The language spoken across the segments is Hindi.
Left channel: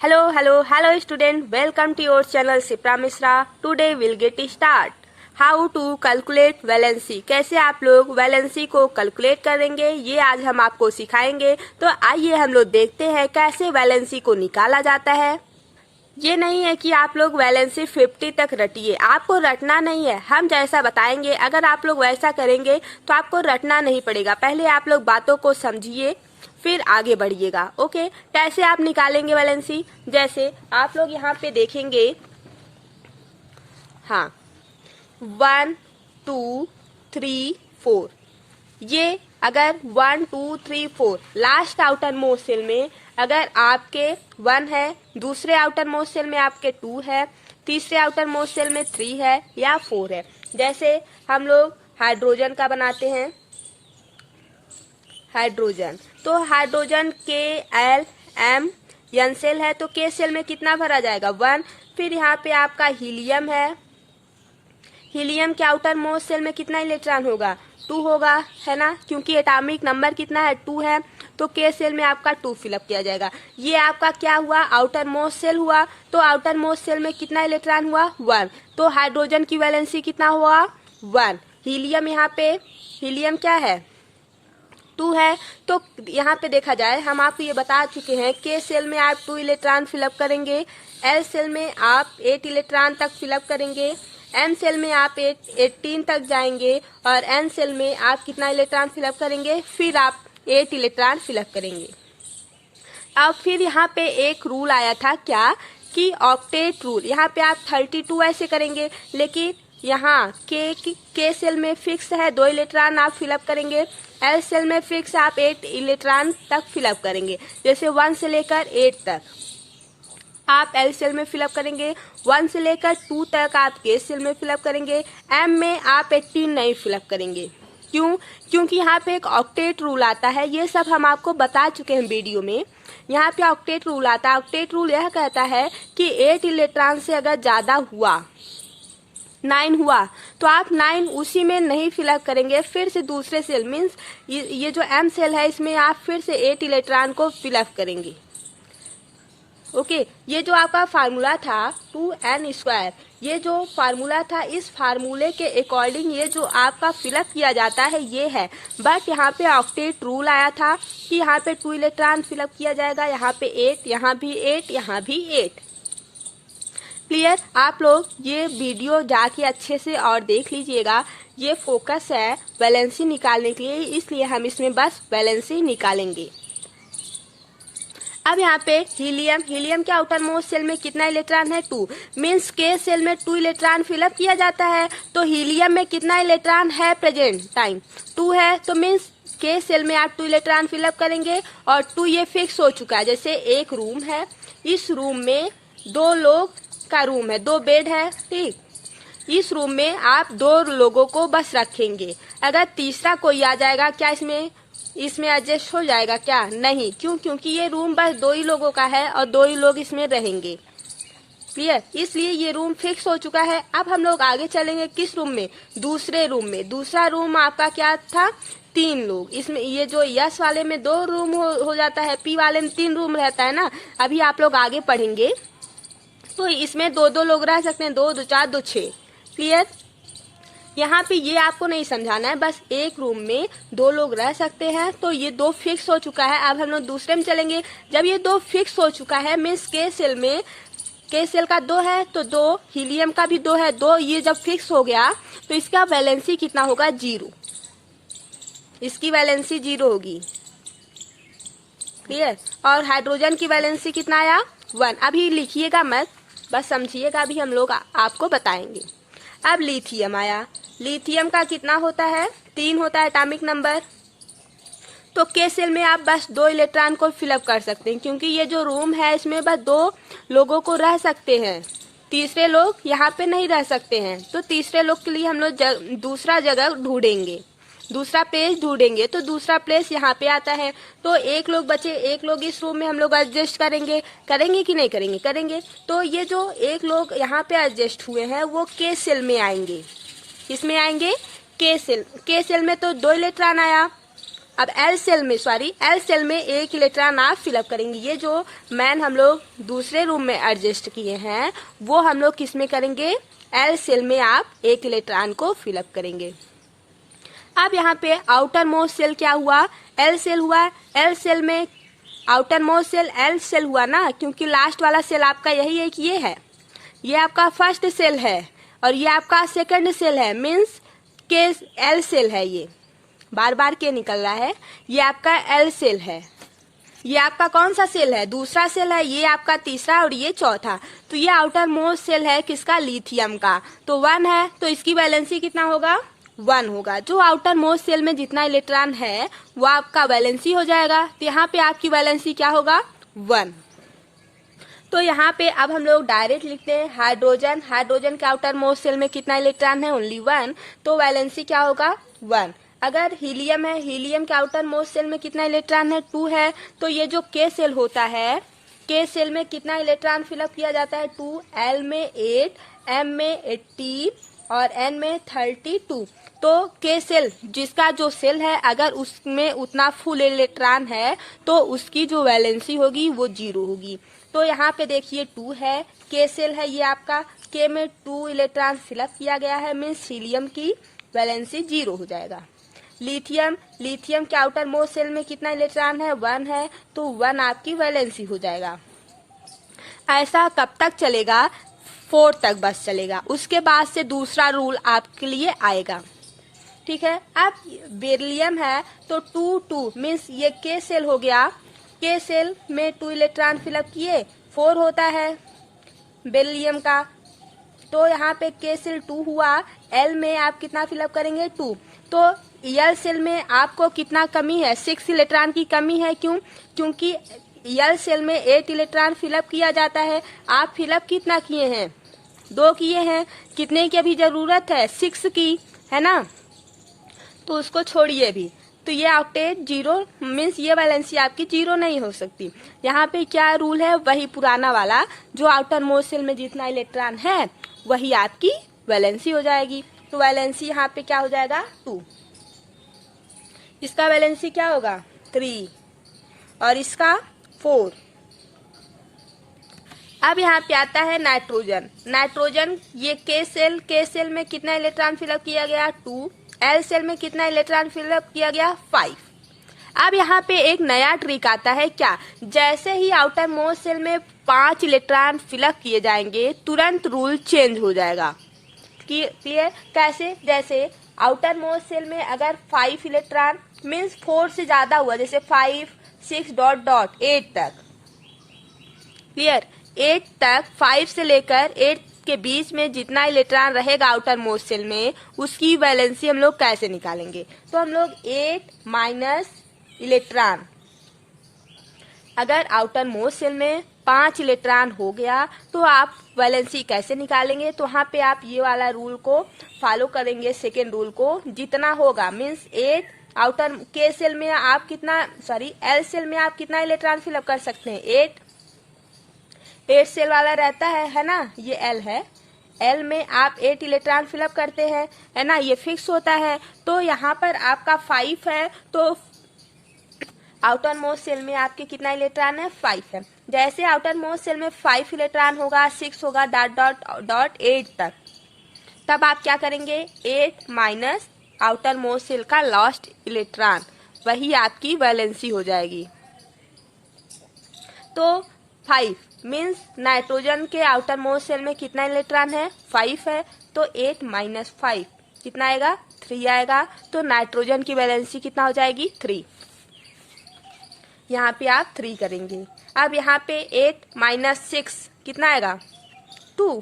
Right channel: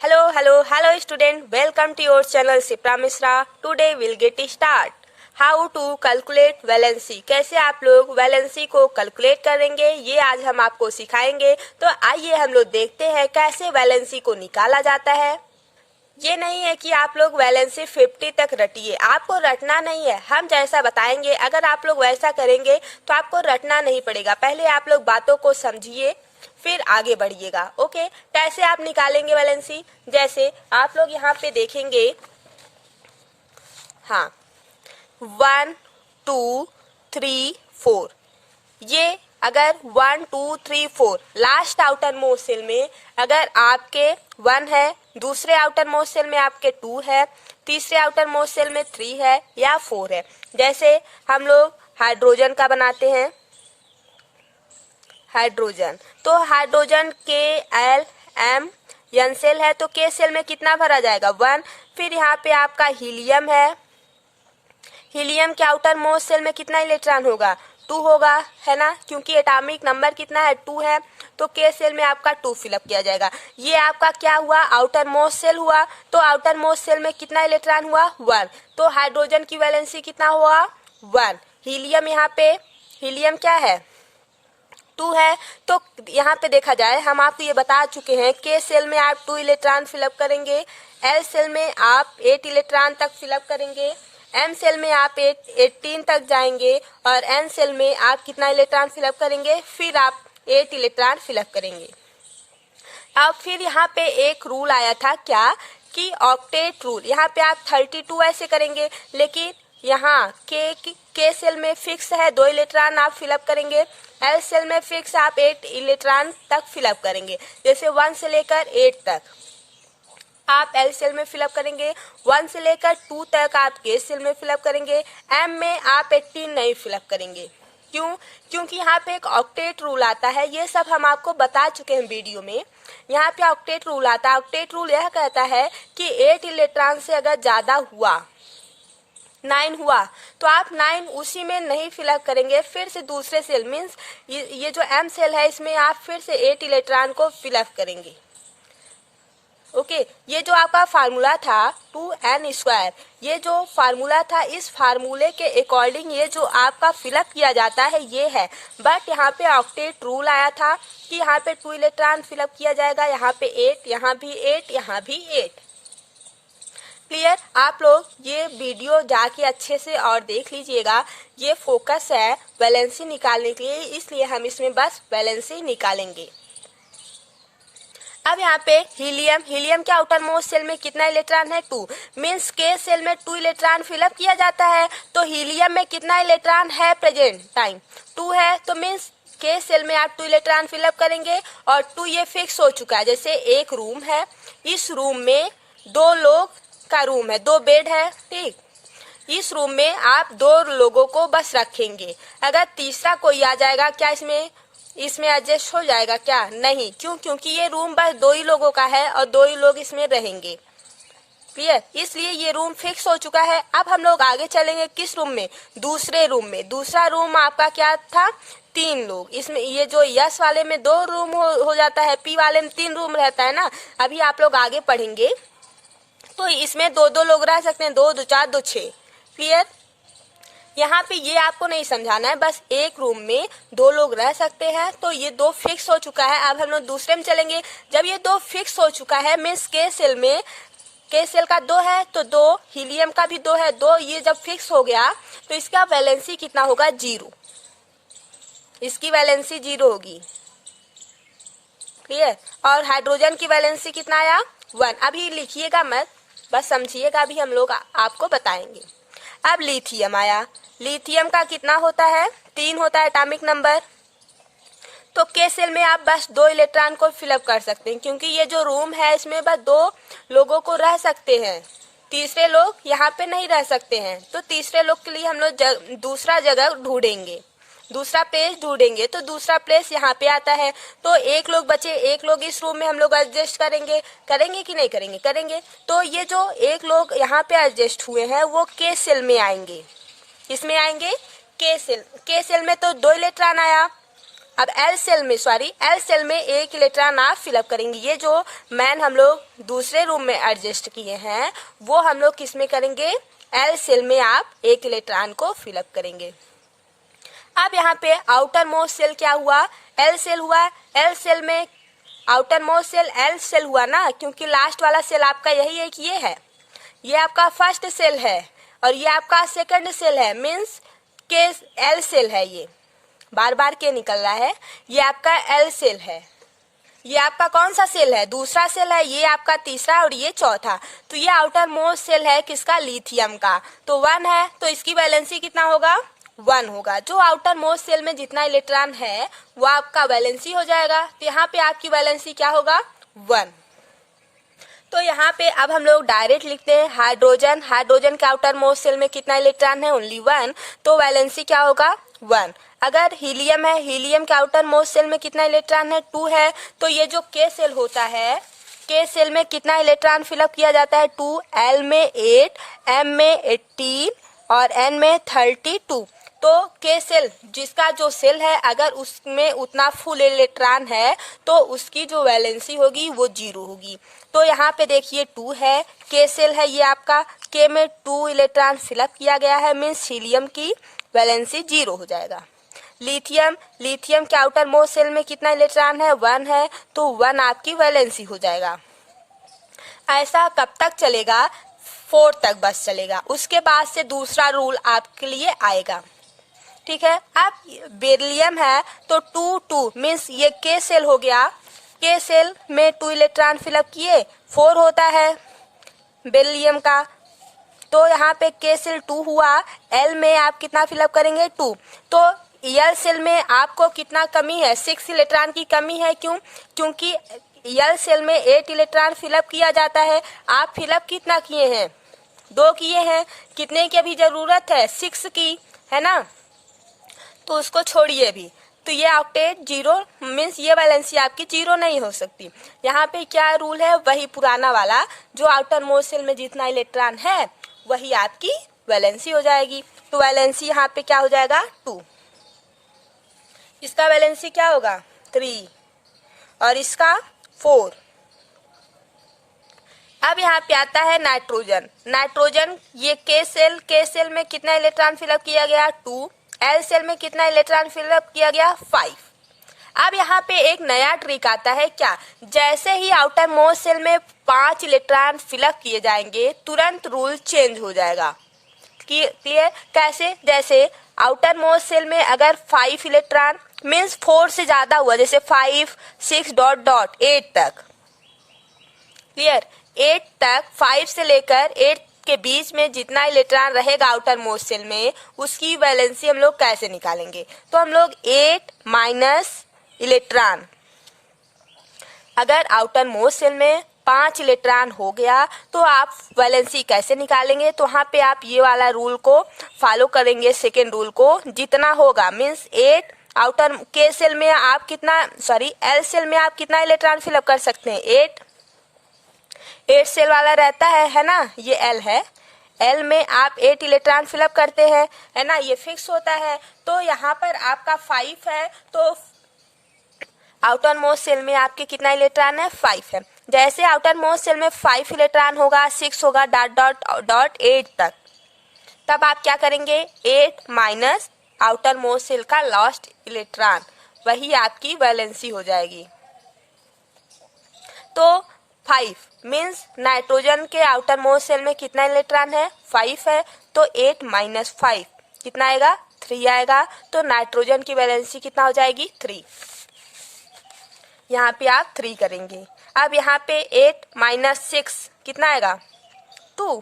Hello student. Welcome to your channel Sipra Misra. Today we'll get start. How to calculate valency. कैसे आप लोग वैलेंसी को कैलकुलेट करेंगे ये आज हम आपको सिखाएंगे। तो आइए हम लोग देखते हैं कैसे वैलेंसी को निकाला जाता है। ये नहीं है कि आप लोग वैलेंसी 50 तक रटिए, आपको रटना नहीं है। हम जैसा बताएंगे अगर आप लोग वैसा करेंगे तो आपको रटना नहीं पड़ेगा। पहले आप लोग बातों को समझिए फिर आगे बढ़िएगा। ओके, कैसे आप निकालेंगे वैलेंसी, जैसे आप लोग यहाँ पे देखेंगे। हाँ, 1 2 3 4, ये अगर 1 2 3 4 लास्ट आउटर मोस्ट सेल में अगर आपके 1 है, दूसरे आउटर मोस्ट सेल में आपके 2 है, तीसरे आउटर मोस्ट सेल में 3 है या 4 है। जैसे हम लोग हाइड्रोजन का बनाते हैं, हाइड्रोजन, तो हाइड्रोजन के एल एम एन सेल है तो के सेल में कितना भरा जाएगा 1। फिर यहाँ पे आपका हीलियम है, हीलियम के आउटर मोस्ट सेल में कितना इलेक्ट्रॉन होगा 2 होगा, है ना, क्योंकि एटॉमिक नंबर कितना है 2 है तो के सेल में आपका 2 फिलअप किया जाएगा। ये आपका क्या हुआ, आउटर मोस्ट सेल हुआ, तो आउटर मोस्ट सेल में कितना इलेक्ट्रॉन हुआ 1, तो हाइड्रोजन की वैलेंसी कितना हुआ 1। हीलियम, यहाँ पे हीलियम क्या है 2 है, तो यहाँ पे देखा जाए हम आपको ये बता चुके हैं के सेल में आप 2 इलेक्ट्रॉन फिलअप करेंगे, एल सेल में आप 8 इलेक्ट्रॉन तक फिलअप करेंगे, एम सेल में आप 18 तक जाएंगे और एन सेल में आप कितना इलेक्ट्रॉन फिलअप करेंगे, फिर आप 8 इलेक्ट्रॉन फिलअप करेंगे। अब फिर यहाँ पे एक रूल आया था क्या कि ऑक्टेट रूल, यहाँ पे आप 32 ऐसे करेंगे, लेकिन यहाँ के सेल में फिक्स है 2 इलेक्ट्रॉन आप फिलअप करेंगे, एल सेल में फिक्स आप 8 इलेक्ट्रॉन तक फिलअप करेंगे। जैसे 1 से लेकर 8 तक आप एल सेल में फिलअप करेंगे, 1 से लेकर 2 तक आप के सेल में फिलअप करेंगे, एम में आप 18 नहीं फिलअप करेंगे। क्यों? क्योंकि यहाँ पे एक ऑक्टेट रूल आता है, ये सब हम आपको बता चुके हैं वीडियो में। यहाँ पे ऑक्टेट रूल आता है, ऑक्टेट रूल यह कहता है कि 8 इलेक्ट्रॉन से अगर ज्यादा हुआ 9 हुआ तो आप 9 उसी में नहीं फिलअप करेंगे, फिर से दूसरे सेल मीन्स ये जो एम सेल है इसमें आप फिर से 8 इलेक्ट्रॉन को फिलअप करेंगे। ओके, ये जो आपका फार्मूला था 2n², ये जो फार्मूला था इस फार्मूले के अकॉर्डिंग ये जो आपका फिलअप किया जाता है ये है। बट यहाँ पे ऑक्टेट रूल आया था कि यहाँ पे 2 इलेक्ट्रॉन फिलअप किया जाएगा, यहाँ पे 8, यहाँ भी 8, यहाँ भी 8। क्लियर? आप लोग ये वीडियो जाके अच्छे से और देख लीजिएगा, ये फोकस है वैलेंसी निकालने के लिए, इसलिए हम इसमें बस वैलेंसी निकालेंगे। अब यहाँ पे हीलियम के आउटर मोस्ट सेल में कितना इलेक्ट्रॉन है 2, मीन्स के सेल में 2 इलेक्ट्रॉन फिलअप किया जाता है, तो हीलियम में कितना इलेक्ट्रॉन है प्रेजेंट टाइम 2 है, तो मीन्स के सेल में आप 2 इलेक्ट्रॉन फिलअप करेंगे और 2 ये फिक्स हो चुका है। जैसे एक रूम है, इस रूम में 2 लोग का रूम है, 2 बेड है, ठीक, इस रूम में आप 2 लोगों को बस रखेंगे। अगर तीसरा कोई आ जाएगा क्या इसमें एडजस्ट हो जाएगा क्या? नहीं। क्यों? क्योंकि ये रूम बस 2 ही लोगों का है और 2 ही लोग इसमें रहेंगे। क्लियर? इसलिए ये रूम फिक्स हो चुका है। अब हम लोग आगे चलेंगे किस रूम में, दूसरे रूम में। दूसरा रूम आपका क्या था 3 लोग, इसमें ये जो यस वाले में 2 रूम हो जाता है, पी वाले में 3 रूम रहता है ना। अभी आप लोग आगे पढ़ेंगे तो इसमें 2 लोग रह सकते हैं, 2 2 4 2 6। क्लियर? यहाँ पे ये आपको नहीं समझाना है, बस एक रूम में 2 लोग रह सकते हैं, तो ये 2 फिक्स हो चुका है। अब हम लोग दूसरे में चलेंगे। जब ये 2 फिक्स हो चुका है मीन्स के सेल का 2 है तो 2, हीलियम का भी 2 है, 2 ये जब फिक्स हो गया तो इसका वैलेंसी कितना होगा 0, इसकी वैलेंसी 0 होगी। क्लियर? और हाइड्रोजन की वैलेंसी कितना आया 1। अभी लिखिएगा मत, बस समझिएगा, अभी हम लोग आपको बताएंगे। अब लिथियम आया, लिथियम का कितना होता है 3 होता है एटॉमिक नंबर, तो के सेल में आप बस 2 इलेक्ट्रॉन को फिलअप कर सकते हैं, क्योंकि ये जो रूम है इसमें बस 2 लोगों को रह सकते हैं, तीसरे लोग यहाँ पे नहीं रह सकते हैं। तो तीसरे लोग के लिए हम लोग दूसरा जगह ढूंढेंगे, दूसरा प्लेस ढूंढेंगे, तो दूसरा प्लेस यहाँ पे आता है। तो एक लोग बचे, एक लोग इस रूम में हम लोग एडजस्ट करेंगे कि नहीं करेंगे? करेंगे। तो ये जो एक लोग यहाँ पे एडजस्ट हुए हैं वो के सेल में आएंगे, किसमें आएंगे के सेल में, तो 2 इलेक्ट्रॉन आया। अब एल सेल में एक इलेक्ट्रॉन आप फिलअप करेंगे। ये जो मैन हम लोग दूसरे रूम में एडजस्ट किए हैं वो हम लोग किस में करेंगे, एल सेल में आप एक इलेक्ट्रॉन को फिलअप करेंगे। अब यहाँ पे आउटर मोस्ट सेल क्या हुआ, एल सेल हुआ। एल सेल में outer most cell L cell हुआ ना, क्योंकि लास्ट वाला सेल आपका यही है कि ये आपका फर्स्ट सेल है और ये आपका सेकंड सेल है, मीन्स के एल सेल है। ये बार बार के निकल रहा है, ये आपका एल सेल है। ये आपका कौन सा सेल है, दूसरा सेल है। ये आपका तीसरा और ये चौथा। तो ये आउटर मोस्ट सेल है किसका, लिथियम का। तो 1 है तो इसकी वैलेंसी कितना होगा, 1 होगा। जो आउटर मोस्ट सेल में जितना इलेक्ट्रॉन है वो आपका वैलेंसी हो जाएगा। तो यहाँ पे आपकी वैलेंसी क्या होगा, 1। तो यहाँ पे अब हम लोग डायरेक्ट लिखते हैं हाइड्रोजन के आउटर मोस्ट सेल में कितना इलेक्ट्रॉन है, ओनली 1। तो वैलेंसी क्या होगा, 1। अगर हीलियम है, हीलियम के आउटर मोस्ट सेल में कितना इलेक्ट्रॉन है, 2 है। तो ये जो के सेल होता है, के सेल में कितना इलेक्ट्रॉन फिलअप किया जाता है, 2। एल में 8, एम में 18 और एन में 32। तो के सेल जिसका जो सेल है अगर उसमें उतना फुल इलेक्ट्रॉन है तो उसकी जो वैलेंसी होगी वो 0 होगी। तो यहाँ पे देखिए 2 है, के सेल है ये आपका, के में 2 इलेक्ट्रॉन फिलअप किया गया है, मीन्स हीलियम की वैलेंसी 0 हो जाएगा। लिथियम के आउटर मोस्ट सेल में कितना इलेक्ट्रॉन है, 1 है। तो 1 आपकी वैलेंसी हो जाएगा। ऐसा कब तक चलेगा, 4 तक बस चलेगा। उसके बाद से दूसरा रूल आपके लिए आएगा, ठीक है। अब बेरिलियम है तो 2 मीन्स ये के सेल हो गया, के सेल में 2 इलेक्ट्रॉन फिलअप किए, 4 होता है बेरिलियम का। तो यहाँ पे के सेल 2 हुआ, एल में आप कितना फिलअप करेंगे, 2। तो एल सेल में आपको कितना कमी है, 6 इलेक्ट्रॉन की कमी है। क्यों, क्योंकि एल सेल में 8 इलेक्ट्रॉन फिलअप किया जाता है। आप फिलअप कितना किए हैं, 2 किए हैं। कितने की अभी जरूरत है, 6 की, है ना। तो उसको छोड़िए भी। तो ये ऑक्टेट 0 मीन्स ये वैलेंसी आपकी 0 नहीं हो सकती। यहाँ पे क्या रूल है, वही पुराना वाला, जो आउटर मोस्ट सेल में जितना इलेक्ट्रॉन है वही आपकी वैलेंसी हो जाएगी। तो वैलेंसी यहाँ पे क्या हो जाएगा, 2। इसका वैलेंसी क्या होगा, 3 और इसका 4। अब यहाँ पे आता है नाइट्रोजन ये के सेल में कितना इलेक्ट्रॉन फिलअप किया गया, 2। एल सेल में कितना इलेक्ट्रॉन फिलअप किया गया, 5। अब यहाँ पे एक नया ट्रिक आता है, क्या, जैसे ही आउटर मोस्ट सेल में 5 इलेक्ट्रॉन फिलअप किए जाएंगे तुरंत रूल चेंज हो जाएगा। क्लियर, कैसे, जैसे आउटर मोस्ट सेल में अगर 5 इलेक्ट्रॉन मीन्स 4 से ज्यादा हुआ, जैसे 5, 6 डॉट 8 तक, क्लियर, 8 तक, 5 से लेकर 8 के बीच में जितना इलेक्ट्रॉन रहेगा आउटर मोस्ट सेल में उसकी वैलेंसी हम लोग कैसे निकालेंगे। तो हम लोग 8 माइनस इलेक्ट्रॉन, अगर आउटर मोस्ट सेल में 5 इलेक्ट्रॉन हो गया तो आप वैलेंसी कैसे निकालेंगे। तो वहाँ पे आप ये वाला रूल को फॉलो करेंगे, सेकेंड रूल को, जितना होगा मीन्स 8 आउटर के सेल में आप कितना, एल सेल में आप कितना इलेक्ट्रॉन फिलअप कर सकते हैं, 8 सेल वाला रहता है ना, ये एल है, एल में आप 8 इलेक्ट्रॉन फिलअप करते हैं, है ना, ये फिक्स होता है। तो यहाँ पर आपका 5 है, तो आउटर मोस्ट सेल में आपके कितना इलेक्ट्रॉन है, 5 है। जैसे आउटर मोस्ट सेल में 5 इलेक्ट्रॉन होगा, 6 होगा डॉट 8 तक, तब आप क्या करेंगे, 8 माइनस आउटर मोस्ट सेल का लास्ट इलेक्ट्रॉन, वही आपकी वैलेंसी हो जाएगी। तो 5 मीन्स नाइट्रोजन के आउटर मोस्ट सेल में कितना इलेक्ट्रॉन है, 5 है। तो 8 माइनस 5 कितना आएगा, 3 आएगा। तो नाइट्रोजन की वैलेंसी कितना हो जाएगी, 3। यहाँ पे आप 3 करेंगे। अब यहाँ पे 8 माइनस 6 कितना आएगा, 2।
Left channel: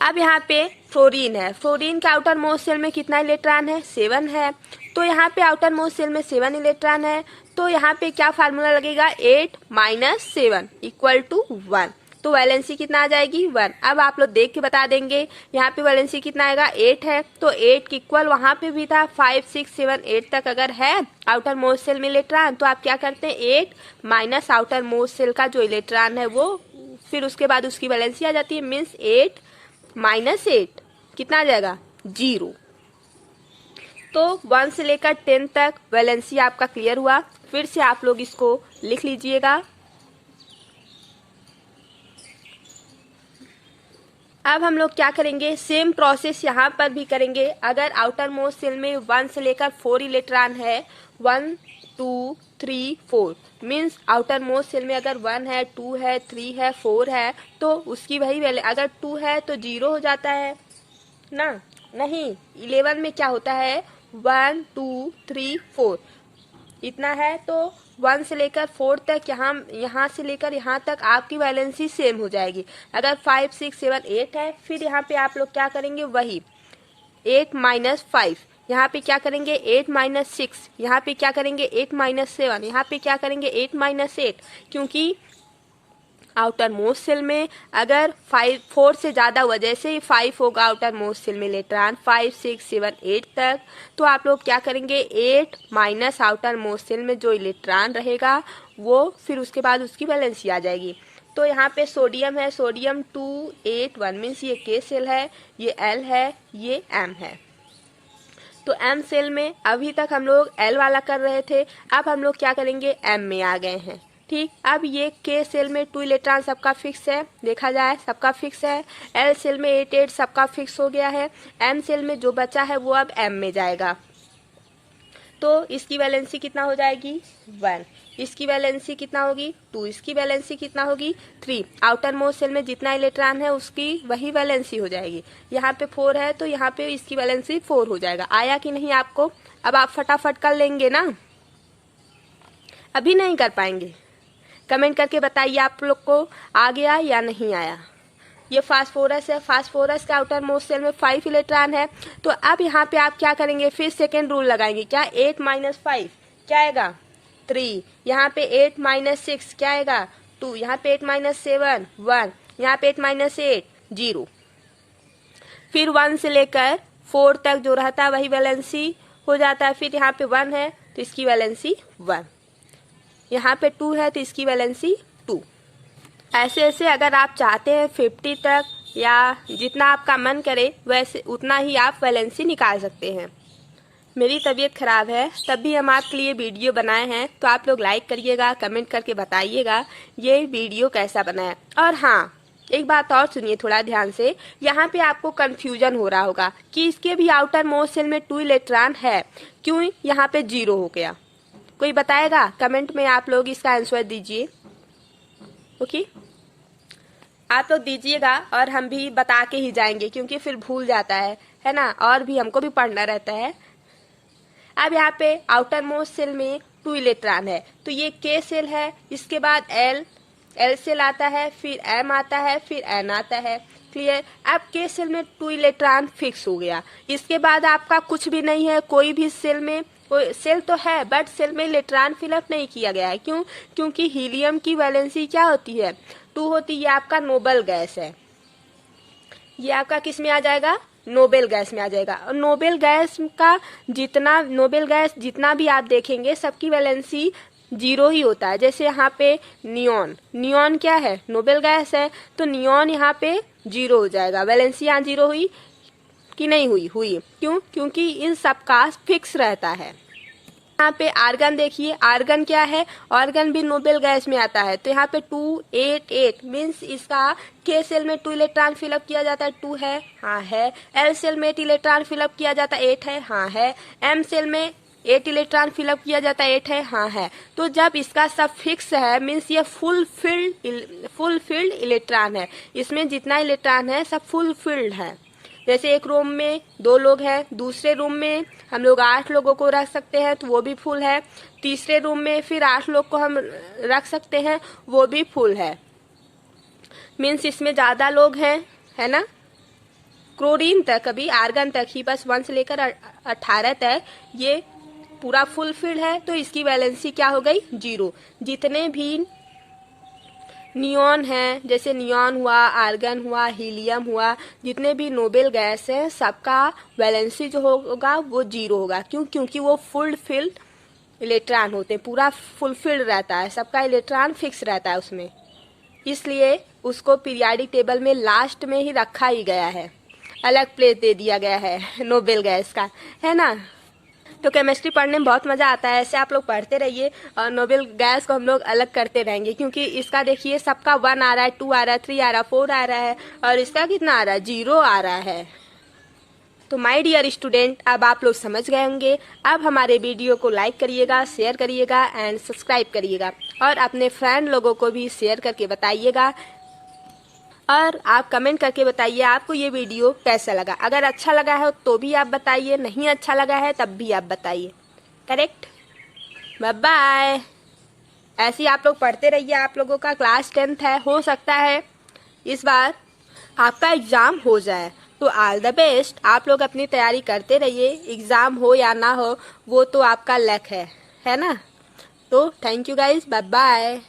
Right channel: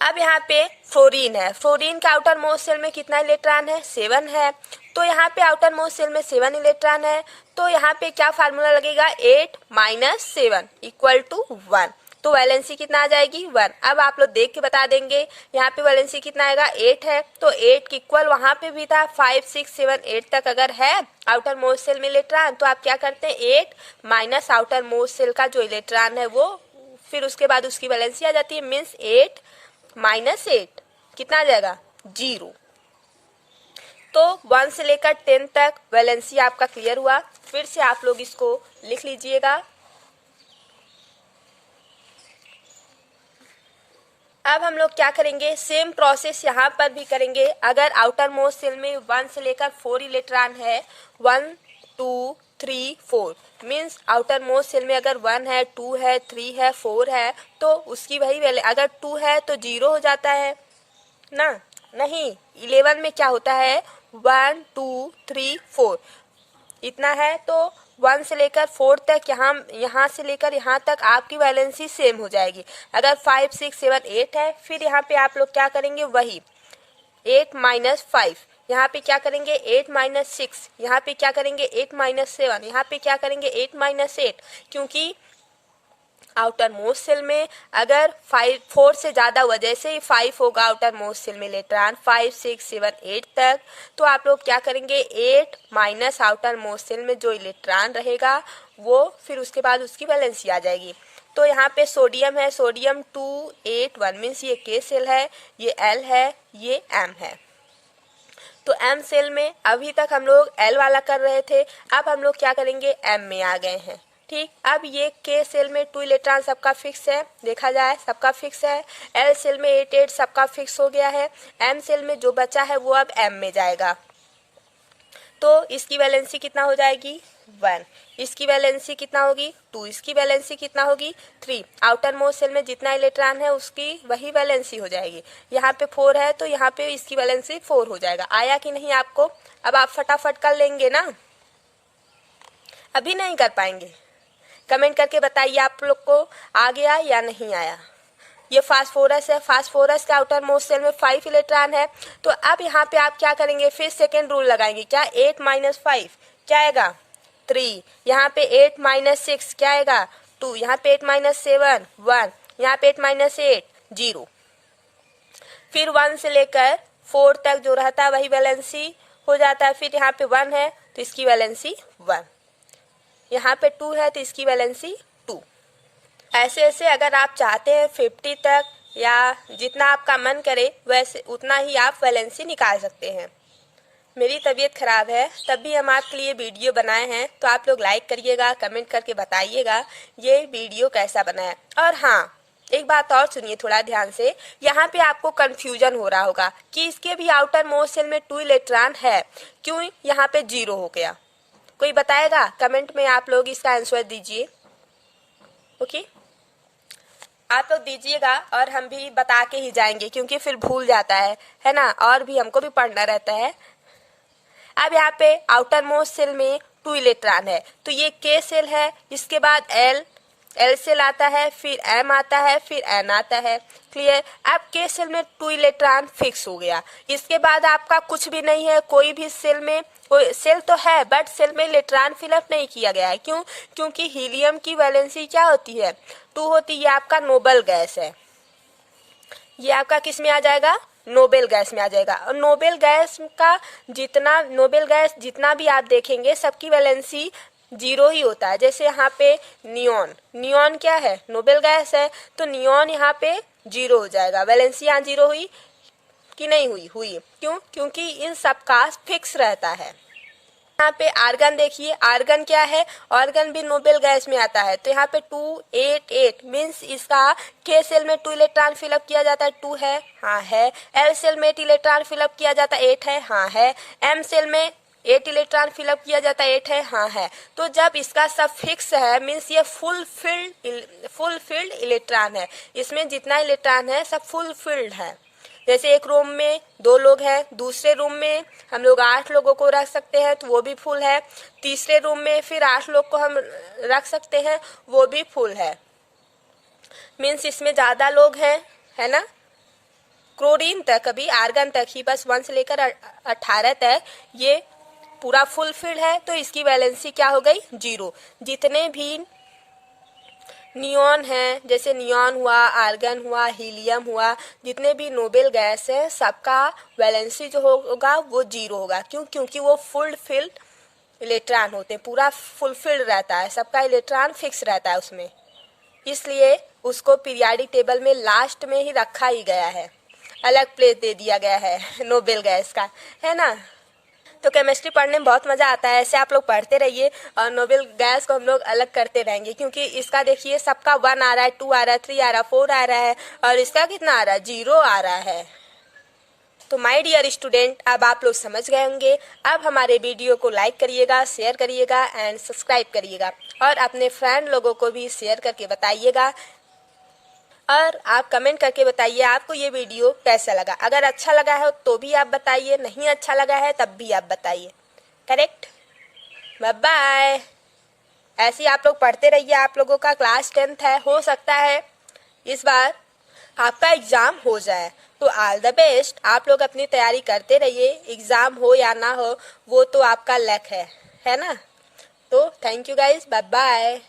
अब यहाँ पे फ्लोरीन है, फ्लोरीन के आउटर मोस्ट सेल में कितना इलेक्ट्रॉन है, 7 है। तो यहाँ पे आउटर मोस्ट सेल में 7 इलेक्ट्रॉन है, तो यहाँ पे क्या फार्मूला लगेगा, 8 माइनस 7 इक्वल टू 1। तो वैलेंसी कितना आ जाएगी, 1। अब आप लोग देख के बता देंगे, यहाँ पे वैलेंसी कितना आएगा, 8 है। तो 8 के इक्वल वहां पे भी था, 5, 6, 7, 8 तक अगर है आउटर मोस्ट सेल में इलेक्ट्रॉन, तो आप क्या करते हैं, 8 माइनस आउटर मोस्ट सेल का जो इलेक्ट्रॉन है वो, फिर उसके बाद उसकी वैलेंसी आ जाती है, मीन्स 8 माइनस 8 कितना आ जाएगा, 0। तो 1 से लेकर 10 तक वैलेंसी आपका क्लियर हुआ। फिर से आप लोग इसको लिख लीजिएगा। अब हम लोग क्या करेंगे, सेम प्रोसेस यहाँ पर भी करेंगे। अगर आउटर मोस्ट सेल में 1 से लेकर 4 इलेक्ट्रॉन है, 1 2 3 4 मीन्स आउटर मोस्ट सेल में अगर 1 है, 2 है, 3 है, 4 है, तो उसकी वही वैल्यू, अगर 2 है तो 0 हो जाता है ना, नहीं 11 में क्या होता है 1 2 3 4 इतना है, तो 1 से लेकर 4 तक यहाँ से लेकर यहाँ तक आपकी वैलेंसी सेम हो जाएगी। अगर 5 6 7 8 है, फिर यहाँ पे आप लोग क्या करेंगे, वही 8 माइनस 5, यहाँ पे क्या करेंगे 8 माइनस 6, यहाँ पे क्या करेंगे 8 माइनस 7, यहाँ पे क्या करेंगे 8 माइनस 8, क्योंकि आउटर मोस्ट सेल में अगर 4 से ज्यादा हुआ, जैसे ही 5 होगा आउटर मोस्ट सेल में इलेक्ट्रॉन 5 6 7 8 तक, तो आप लोग क्या करेंगे 8 माइनस आउटर मोस्ट सेल में जो इलेक्ट्रॉन रहेगा वो, फिर उसके बाद उसकी वैलेंसी आ जाएगी। तो यहाँ पे सोडियम है, सोडियम 2 8 1 मीन्स ये के सेल है, ये एल है, ये एम है। तो एम सेल में अभी तक हम लोग एल वाला कर रहे थे, अब हम लोग क्या करेंगे एम में आ गए हैं। ठीक, अब ये के सेल में 2 इलेक्ट्रॉन सबका फिक्स है, देखा जाए सबका फिक्स है। एल सेल में 8 8 सबका फिक्स हो गया है। एम सेल में जो बचा है वो अब एम में जाएगा, तो इसकी वैलेंसी कितना हो जाएगी 1, इसकी वैलेंसी कितना होगी 2, इसकी वैलेंसी कितना होगी 3। आउटर मोस्ट सेल में जितना इलेक्ट्रॉन है उसकी वही वैलेंसी हो जाएगी। यहाँ पे 4 है तो यहाँ पे इसकी वैलेंसी 4 हो जाएगा। आया कि नहीं आपको? अब आप फटाफट कर लेंगे ना, अभी नहीं कर पाएंगे? कमेंट करके बताइए आप लोग को आ गया या नहीं आया। ये फास्फोरस है, फास्फोरस का आउटर मोस्ट सेल में 5 इलेक्ट्रॉन है। तो अब यहाँ पे आप क्या करेंगे, फिर सेकेंड रूल लगाएंगे, क्या 8 माइनस 5 क्या आएगा 3, यहाँ पे 8 माइनस 6 क्या आएगा 2, यहाँ पे 8 माइनस 7 1, यहाँ पे 8 माइनस 8 0। फिर 1 से लेकर 4 तक जो रहता है वही वैलेंसी हो जाता है। फिर यहाँ पे 1 है तो इसकी वैलेंसी 1, यहाँ पे 2 है तो इसकी वैलेंसी 2। ऐसे ऐसे अगर आप चाहते हैं 50 तक या जितना आपका मन करे वैसे उतना ही आप वैलेंसी निकाल सकते हैं। मेरी तबीयत खराब है तब भी हम आपके लिए वीडियो बनाए हैं, तो आप लोग लाइक करिएगा, कमेंट करके बताइएगा ये वीडियो कैसा बना है। और हाँ, एक बात और सुनिए थोड़ा ध्यान से, यहाँ पे आपको कंफ्यूजन हो रहा होगा कि इसके भी आउटर मोस्ट सेल में 2 इलेक्ट्रॉन है, क्यों यहाँ पे 0 हो गया? कोई बताएगा? कमेंट में आप लोग इसका आंसर दीजिए। ओके, आप लोग दीजिएगा और हम भी बता के ही जाएंगे, क्योंकि फिर भूल जाता है ना, और भी हमको भी पढ़ना रहता है। अब यहाँ पे आउटर मोस्ट सेल में 2 इलेक्ट्रॉन है, तो ये के सेल है, इसके बाद एल सेल आता है, फिर एम आता है, फिर एन आता है। क्लियर? अब के सेल में 2 इलेक्ट्रॉन फिक्स हो गया, इसके बाद आपका कुछ भी नहीं है, कोई भी सेल में, सेल तो है बट सेल में इलेक्ट्रॉन फिलअप नहीं किया गया है। क्यों? क्योंकि हीलियम की वैलेंसी क्या होती है 2 होती है। ये आपका नोबल गैस है, ये आपका किस में आ जाएगा, नोबेल गैस में आ जाएगा। और नोबेल गैस जितना भी आप देखेंगे सबकी वैलेंसी 0 ही होता है। जैसे यहाँ पे नियॉन क्या है, नोबेल गैस है, तो नियॉन यहाँ पे 0 हो जाएगा। वैलेंसी यहाँ 0 हुई कि नहीं हुई? क्यों? क्योंकि इन सबका फिक्स रहता है। यहाँ पे आर्गन देखिए, आर्गन क्या है, आर्गन भी नोबेल गैस में आता है। तो यहाँ पे 2 8 8 मीन्स इसका के सेल में 2 इलेक्ट्रॉन फिलअप किया जाता है, 2 है, हाँ है। एल सेल में 8 इलेक्ट्रॉन फिलअप किया जाता है, 8 है, हाँ है। एम सेल में 8 इलेक्ट्रॉन फिलअप किया जाता है, 8 है, हाँ है। तो जब इसका सब फिक्स है मीन्स ये फुल फिल्ड इलेक्ट्रॉन है, इसमें जितना इलेक्ट्रॉन है सब फुल फिल्ड है। जैसे एक रूम में 2 लोग हैं, दूसरे रूम में हम लोग 8 लोगों को रख सकते हैं तो वो भी फुल है। तीसरे रूम में फिर 8 लोग को हम रख सकते हैं, वो भी फुल है। मीन्स इसमें ज्यादा लोग हैं, है ना। क्लोरीन तक, अभी आर्गन तक ही बस 1 से लेकर 18 तक ये पूरा फुलफिल्ड है, तो इसकी वैलेंसी क्या हो गई 0। जितने भी नियॉन है, जैसे नियॉन हुआ, आर्गन हुआ, हीलियम हुआ, जितने भी नोबेल गैस है सबका वैलेंसी जो होगा वो 0 होगा। क्यों? क्योंकि वो फुलफिल्ड इलेक्ट्रॉन होते हैं, पूरा फुलफिल्ड रहता है, सबका इलेक्ट्रॉन फिक्स रहता है उसमें, इसलिए उसको पीरियाडिक टेबल में लास्ट में ही रखा ही गया है, अलग प्लेस दे दिया गया है नोबेल गैस का, है ना। तो केमिस्ट्री पढ़ने में बहुत मजा आता है। ऐसे आप लोग पढ़ते रहिए और नोबेल गैस को हम लोग अलग करते रहेंगे, क्योंकि इसका देखिए सबका 1 आ रहा है, 2 आ रहा है, 3 आ रहा है, 4 आ रहा है और इसका कितना आ रहा है, 0 आ रहा है। तो माय डियर स्टूडेंट, अब आप लोग समझ गए होंगे। अब हमारे वीडियो को लाइक करिएगा, शेयर करिएगा एंड सब्सक्राइब करिएगा और अपने फ्रेंड लोगों को भी शेयर करके बताइएगा और आप कमेंट करके बताइए आपको ये वीडियो कैसा लगा। अगर अच्छा लगा है तो भी आप बताइए, नहीं अच्छा लगा है तब भी आप बताइए। करेक्ट। Bye bye. ऐसे ही आप लोग पढ़ते रहिए। आप लोगों का क्लास 10th है, हो सकता है इस बार आपका एग्जाम हो जाए, तो ऑल द बेस्ट। आप लोग अपनी तैयारी करते रहिए, एग्जाम हो या ना हो वो तो आपका लक है ना। तो thank you guys, bye bye.